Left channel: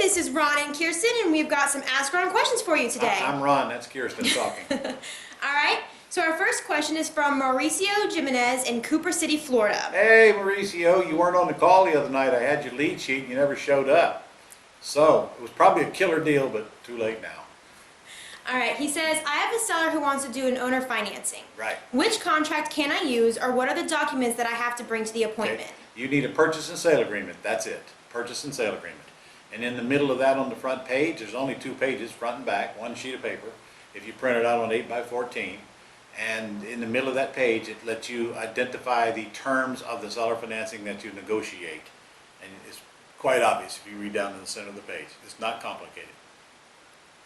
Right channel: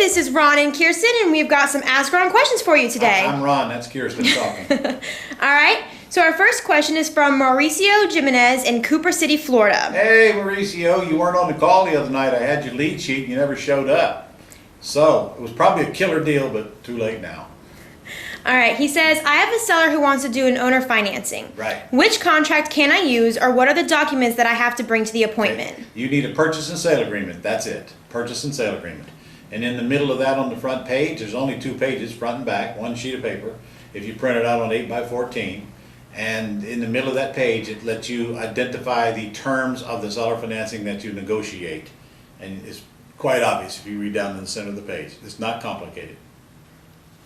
this is Ron and Kirsten, and we've got some Ask Ron questions for you today. I'm Ron, that's Kirsten talking. All right, so our first question is from Mauricio Jimenez in Cooper City, Florida. Hey Mauricio, you weren't on the call the other night. I had your lead sheet and you never showed up. So, it was probably a killer deal, but too late now. All right, he says, I have a seller who wants to do an owner financing. Right. Which contract can I use, or what are the documents that I have to bring to the appointment? Okay. You need a purchase and sale agreement, that's it. Purchase and sale agreement. And in the middle of that on the front page, there's only 2 pages, front and back, 1 sheet of paper. If you print it out on 8x14, and in the middle of that page, it lets you identify the terms of the seller financing that you negotiate. And it's quite obvious if you read down to the center of the page. It's not complicated.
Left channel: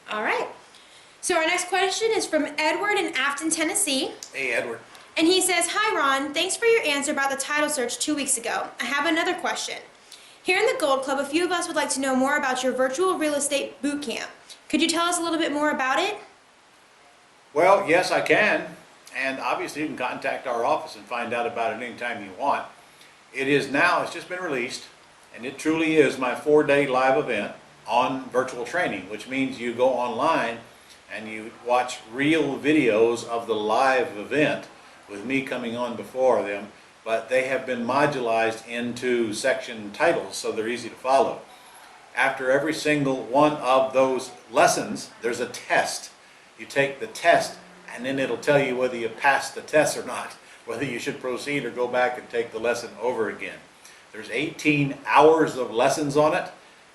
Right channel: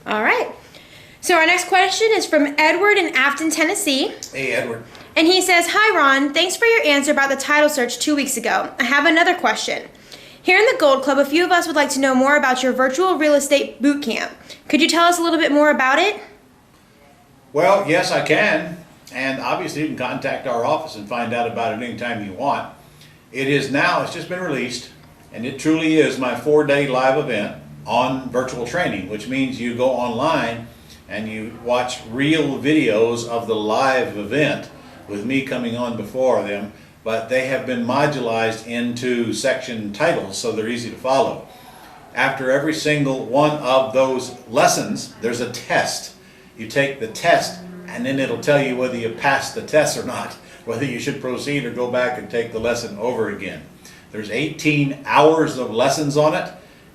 All right. So our next question is from Edward in Afton, Tennessee. Hey, Edward. And he says, hi, Ron. Thanks for your answer about the title search 2 weeks ago. I have another question. Here in the Gold Club, a few of us would like to know more about your virtual real estate boot camp. Could you tell us a little bit more about it? Well, yes, I can. And obviously, you can contact our office and find out about it anytime you want. It's just been released, and it truly is my 4-day live event on virtual training, which means you go online and you watch real videos of the live event with me coming on before them, but they have been modularized into section titles so they're easy to follow. After every single one of those lessons, there's a test. You take the test and then it'll tell you whether you passed the test or not, whether you should proceed or go back and take the lesson over again. There's 18 hours of lessons on it.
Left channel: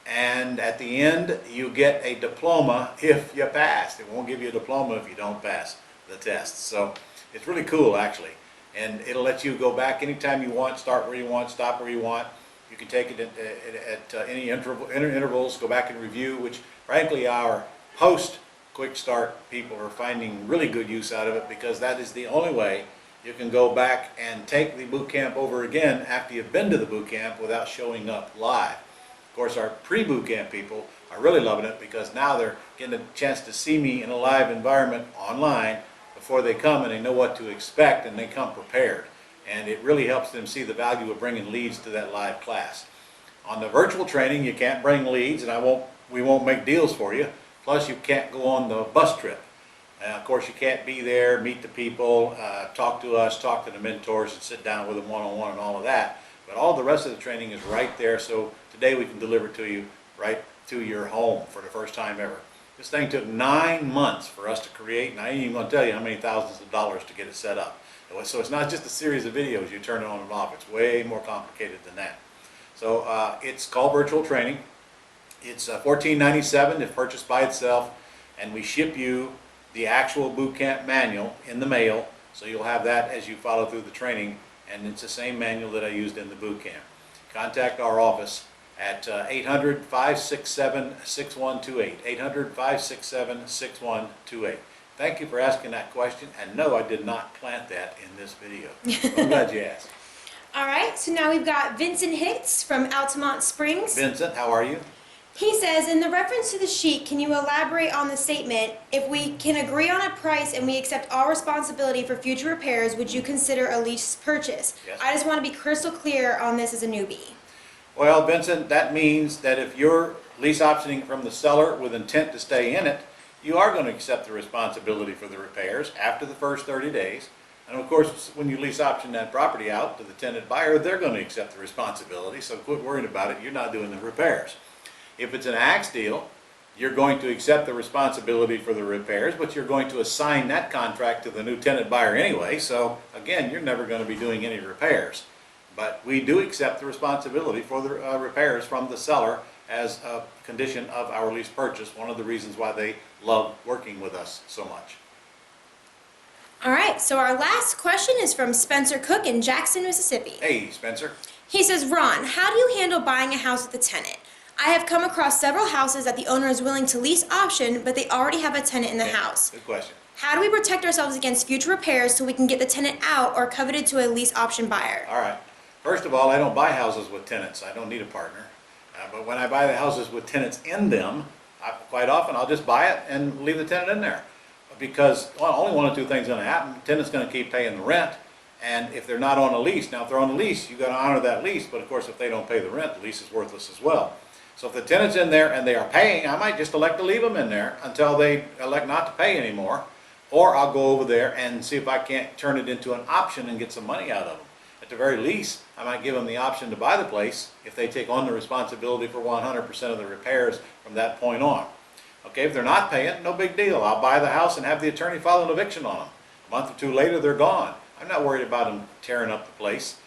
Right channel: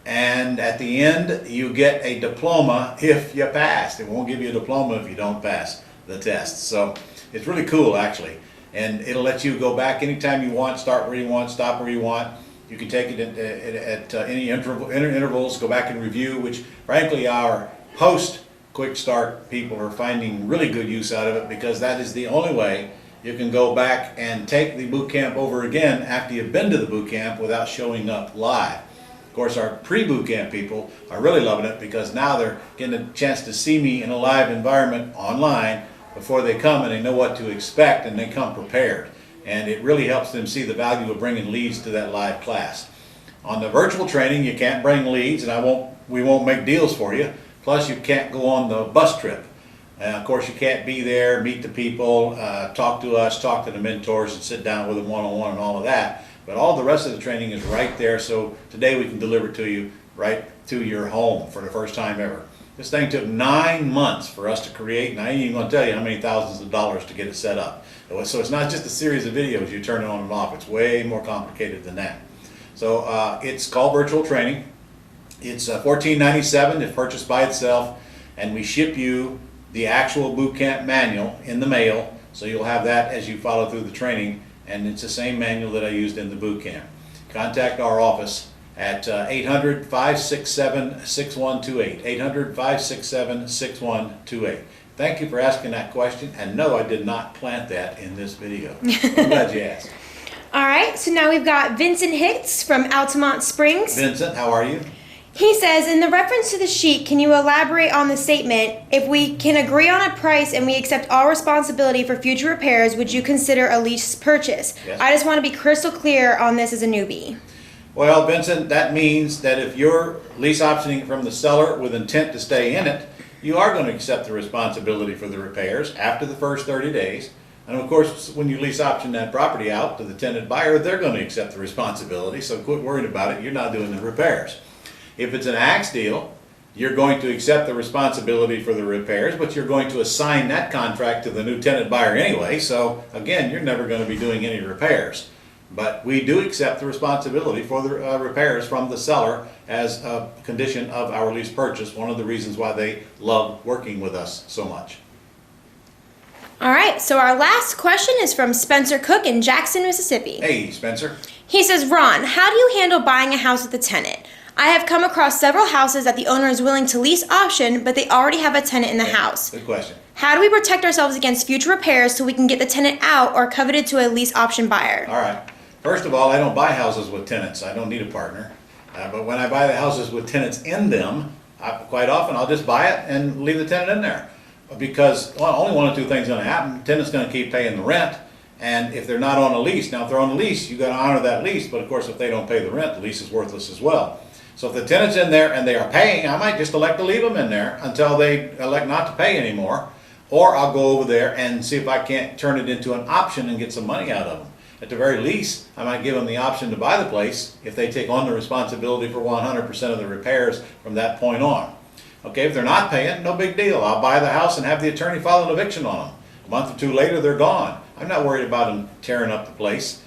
And at the end, you get a diploma if you passed. It won't give you a diploma if you don't pass the test. So it's really cool, actually. And it'll let you go back anytime you want, start where you want, stop where you want. You can take it at any intervals, go back and review, which frankly our post-quick start people are finding really good use out of it, because that is the only way you can go back and take the boot camp over again after you've been to the boot camp without showing up live. Of course, our pre-boot camp people are really loving it because now they're getting a chance to see me in a live environment online before they come, and they know what to expect and they come prepared. And it really helps them see the value of bringing leads to that live class. On the virtual training, you can't bring leads, and we won't make deals for you. Plus, you can't go on the bus trip. Of course, you can't be there, meet the people, talk to us, talk to the mentors, and sit down with them one-on-one and all of that. But all the rest of the training is right there, so today we can deliver it to you right to your home for the first time ever. This thing took 9 months for us to create, and I ain't even going to tell you how many thousands of dollars to get it set up. So it's not just a series of videos you turn it on and off. It's way more complicated than that. So it's called virtual training. It's $14.97 if purchased by itself, and we ship you the actual boot camp manual in the mail, so you'll have that as you follow through the training. And it's the same manual that I used in the boot camp. Contact our office at 800-567-6128. 800-567-6128. Thank you for asking that question. And no, I did not plant that in this video. I'm glad you asked. All right, so now we've got Vincent Hicks from Altamont Springs. Vincent, how are you? He says, in the reference to the sheet, can you elaborate on the statement, if we can agree on a price and we accept all responsibility for future repairs, would you consider a lease purchase? Yes. I just want to be crystal clear on this as a newbie. Well, Vincent, that means that if you're lease optioning from the seller with intent to stay in it, you are going to accept the responsibility for the repairs after the first 30 days. And of course, when you lease option that property out to the tenant buyer, they're going to accept the responsibility, so quit worrying about it. You're not doing the repairs. If it's an axe deal, you're going to accept the responsibility for the repairs, but you're going to assign that contract to the new tenant buyer anyway, so again, you're never going to be doing any repairs. But we do accept the responsibility for the repairs from the seller as a condition of our lease purchase, one of the reasons why they love working with us so much. All right, so our last question is from Spencer Cook in Jackson, Mississippi. Hey, Spencer. He says, Ron, how do you handle buying a house with a tenant? I have come across several houses that the owner is willing to lease option, but they already have a tenant in the house. Good question. How do we protect ourselves against future repairs so we can get the tenant out or coveted to a lease option buyer? All right. First of all, I don't buy houses with tenants. I don't need a partner. But when I buy the houses with tenants in them, quite often I'll just buy it and leave the tenant in there. Because only one of 2 things is going to happen. The tenant's going to keep paying the rent. And if they're not on a lease, now if they're on a lease, you've got to honor that lease. But of course, if they don't pay the rent, the lease is worthless as well. So if the tenant's in there and they are paying, I might just elect to leave them in there until they elect not to pay anymore. Or I'll go over there and see if I can't turn it into an option and get some money out of them. At the very least, I might give them the option to buy the place if they take on the responsibility for 100% of the repairs from that point on. Okay, if they're not paying, no big deal. I'll buy the house and have the attorney file an eviction on them. A month or two later, they're gone. I'm not worried about them tearing up the place.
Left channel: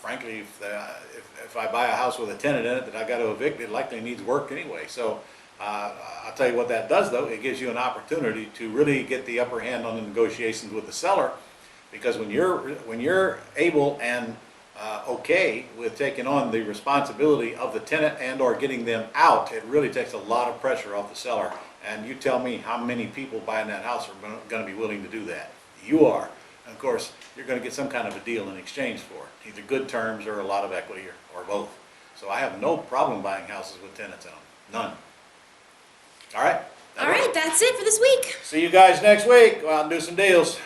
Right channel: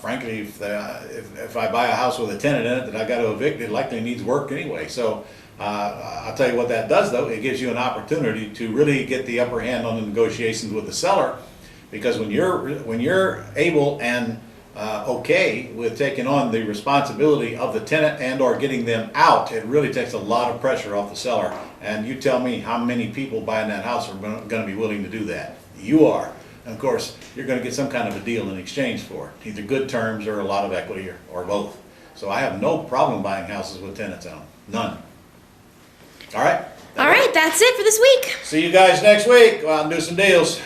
Frankly, if I buy a house with a tenant in it that I got to evict, it likely needs work anyway. So I'll tell you what that does, though. It gives you an opportunity to really get the upper hand on the negotiations with the seller, because when you're able and okay with taking on the responsibility of the tenant and or getting them out, it really takes a lot of pressure off the seller. And you tell me how many people buying that house are going to be willing to do that. You are. And of course, you're going to get some kind of a deal in exchange for it, either good terms or a lot of equity or both. So I have no problem buying houses with tenants in them. None. All right? All right, that's it for this week. See you guys next week. Go out and do some deals.